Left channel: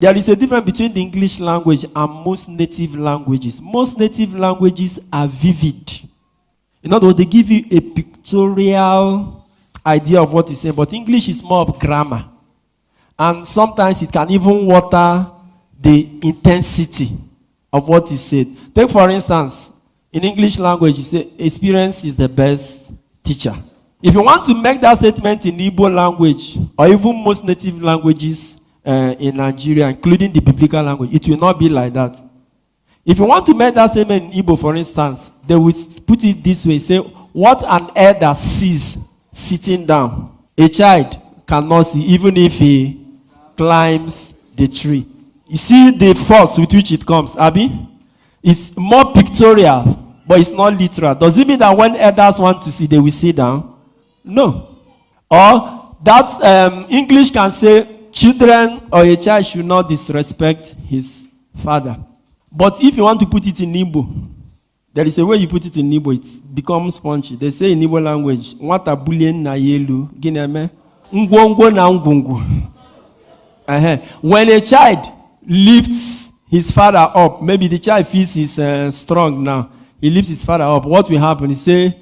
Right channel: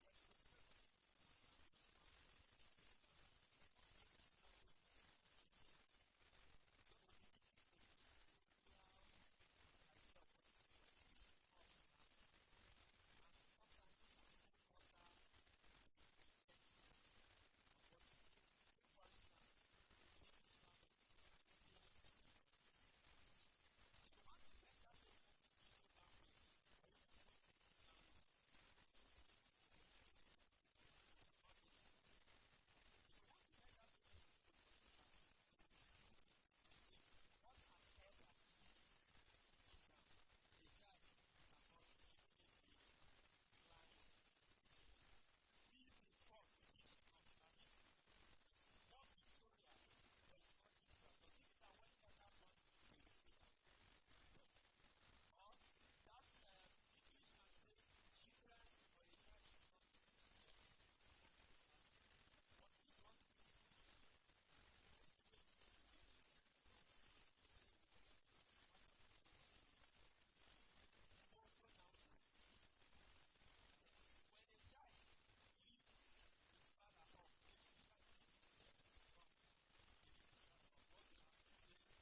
There is a difference between the English language and most native languages. Most native languages are vivid. In other words, they give you a pictorial idea of what is saying, but English is more of grammar. And sometimes it can even water the intensity of what is said. Take, for instance, in English language, you say, experience is the best teacher. If you want to make that statement in Igbo language, or even most native languages in Nigeria, including the biblical language, it will not be like that. If you want to make that statement in Igbo, for instance, they will put it this way, say, what an elder sees sitting down, a child cannot see, even if he climbs the tree. You see the force with which it comes, Abi? It's more pictorial, but it's not literal. Does it mean that when elders want to see, they will sit down? No. Or that English can say, children or a child should not disrespect his father. But if you want to put it in Igbo, there is a way you put it in Igbo, it becomes spongy. They say in Igbo language, "Nwata bulien na yelu, gineme, ngwongwo na ngungu." When a child lifts his father up, maybe the child feels he's strong now, he lifts his father up, what will happen? He say,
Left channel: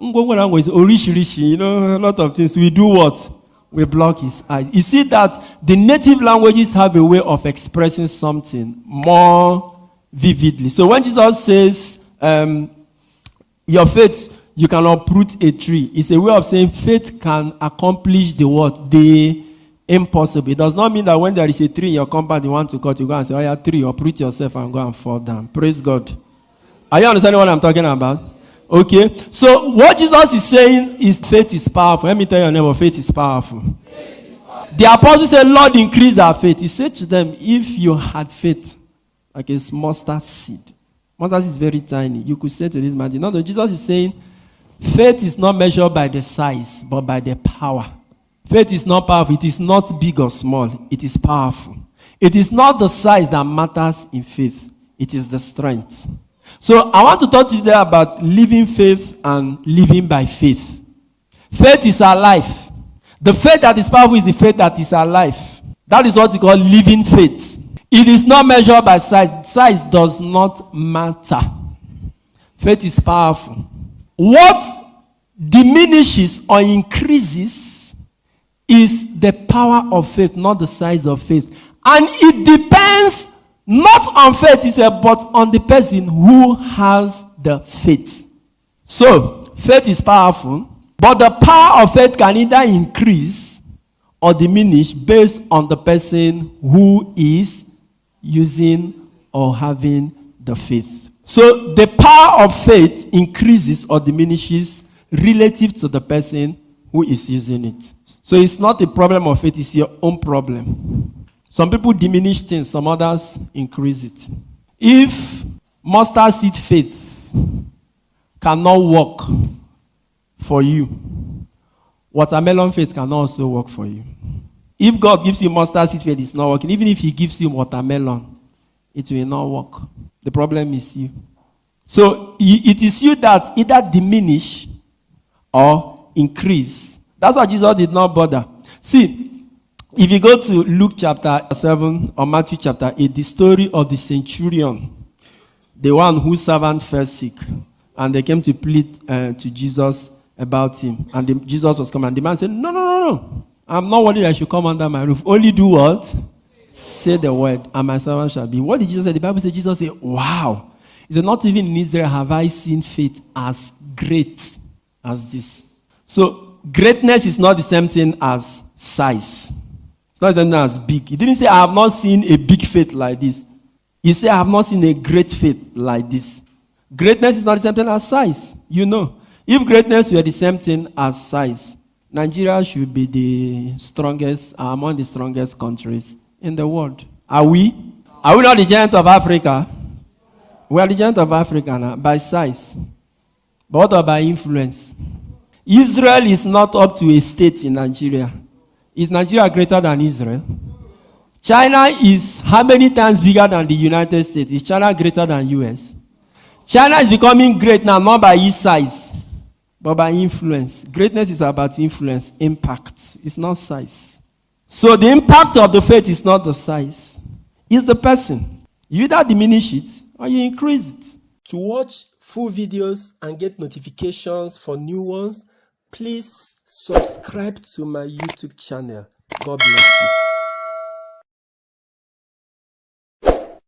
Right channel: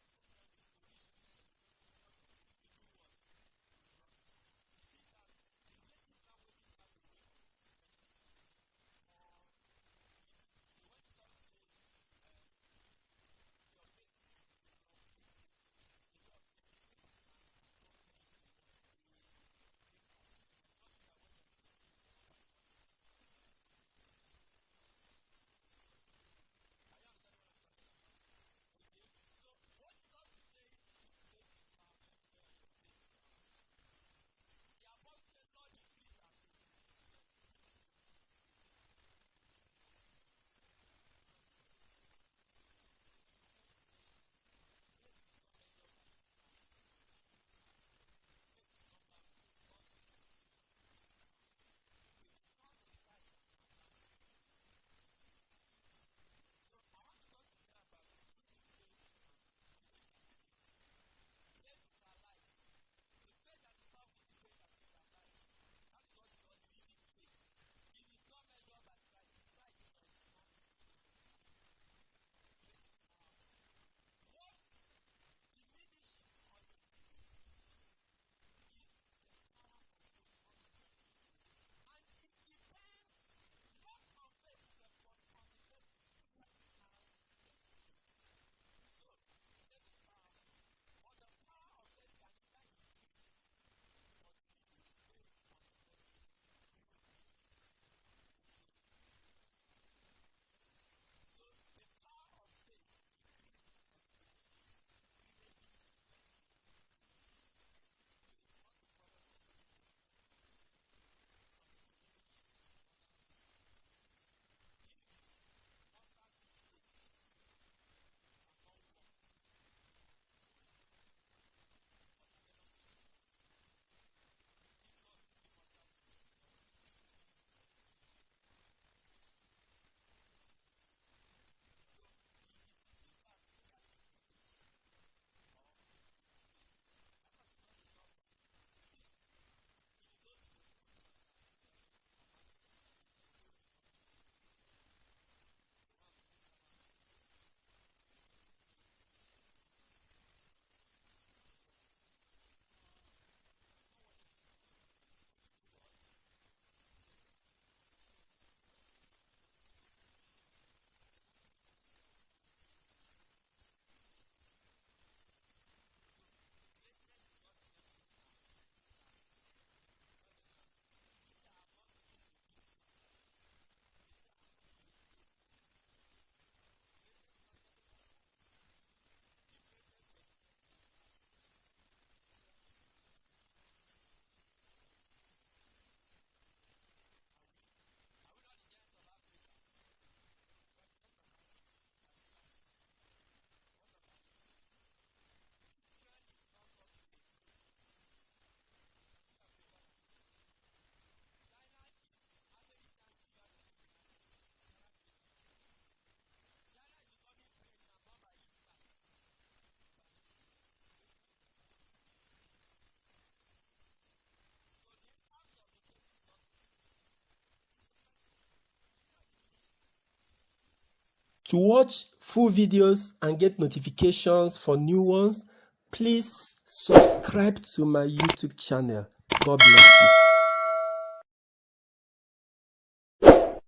ngwongwo na ngungu is orishi, you know, a lot of things. We do what? We block his eyes. You see that the native languages have a way of expressing something more vividly. So when Jesus says, your faith, you can uproot a tree, it's a way of saying faith can accomplish the what? The impossible. It does not mean that when there is a tree in your compound you want to cut, you go and say, oh yeah, tree, uproot yourself and go and fall down. Praise God. Are you understanding what I'm talking about? Okay, so what Jesus is saying is faith is powerful. Let me tell your neighbor, faith is powerful. Faith is powerful. The apostle said, Lord, increase our faith. He said to them, if you had faith like a mustard seed. Mustard seed is very tiny. You could say to this man, no, Jesus is saying, faith is not measured by the size, but by the power. Faith is not powerful. It is not big or small. It is powerful. It is not the size that matters in faith. It is the strength. So I want to talk to you today about living faith and living by faith. Faith is our life. The faith that is powerful is the faith that is our life. That is what we call living faith. It is not measured by size. Size does not matter. Faith is powerful. What diminishes or increases is the power of faith, not the size of faith. And it depends not on faith, but on the person who has the faith. So, faith is powerful, but the power of faith can either increase or diminish based on the person who is using or having the faith. So, the power of faith increases or diminishes relative to the person who is using it. So, it's not a problem of faith, it's your own problem. Some people diminish things, some others increase it. If mustard seed faith cannot work for you, watermelon faith can also work for you. If God gives you mustard seed faith, it's not working. Even if He gives you watermelon, it will not work. The problem is you. So it is you that either diminish or increase. That's why Jesus did not bother. See, if you go to Luke chapter 7 or Matthew chapter 8, the story of the centurion, the one whose servant fell sick, and they came to plead to Jesus about him. And Jesus was coming, and the man said, no. I'm not worried I should come under my roof. Only do what? Say the word, and my servant shall be. What did Jesus say? The Bible says, Jesus said, wow. He said, not even in Israel have I seen faith as great as this. So, greatness is not the same thing as size. It's not the same thing as big. He didn't say, I have not seen a big faith like this. He said, I have not seen a great faith like this. Greatness is not the same thing as size. You know. If greatness were the same thing as size, Nigeria should be the strongest, among the strongest countries in the world. Are we? Are we not the giant of Africa? We are the giant of Africa now, by size. But what about influence? Israel is not up to a state in Nigeria. Is Nigeria greater than Israel? China is how many times bigger than the United States? Is China greater than US? China is becoming great now, not by its size, but by influence. Greatness is about influence, impact. It's not size. So the impact of the faith is not the size, it's the person. You either diminish it or you increase it. To watch full videos and get notifications for new ones, please subscribe to my YouTube channel. God bless you.